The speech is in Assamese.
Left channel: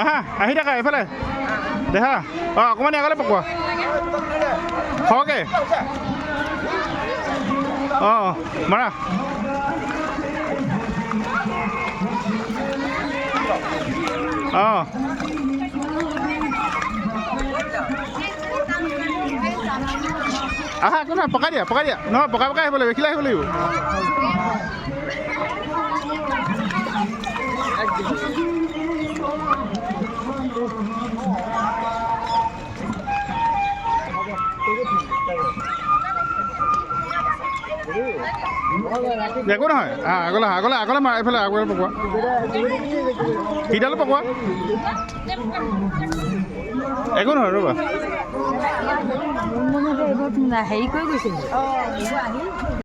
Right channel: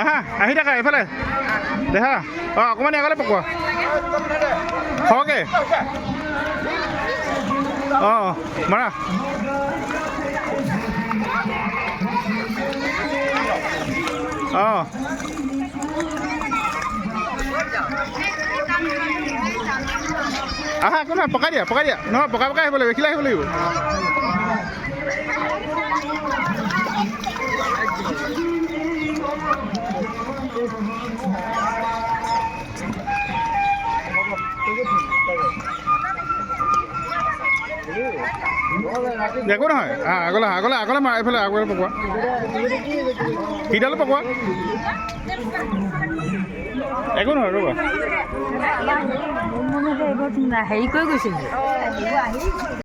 আহা আহি থাকা এইফালে দেখা অকণমান আগলৈ পকোৱা খৰকৈ মাৰা আহা একো নহয় পকাই দিয়া নহয় পকাই আহিব লাগিব এইখিলা আহিব লাগিব একো নহয় আগলৈ মাৰা এইফালে আগলৈ পকোৱা সিডালো পকোৱা একো নহয় ৰ'বা হেৰি কৰি গৈছিল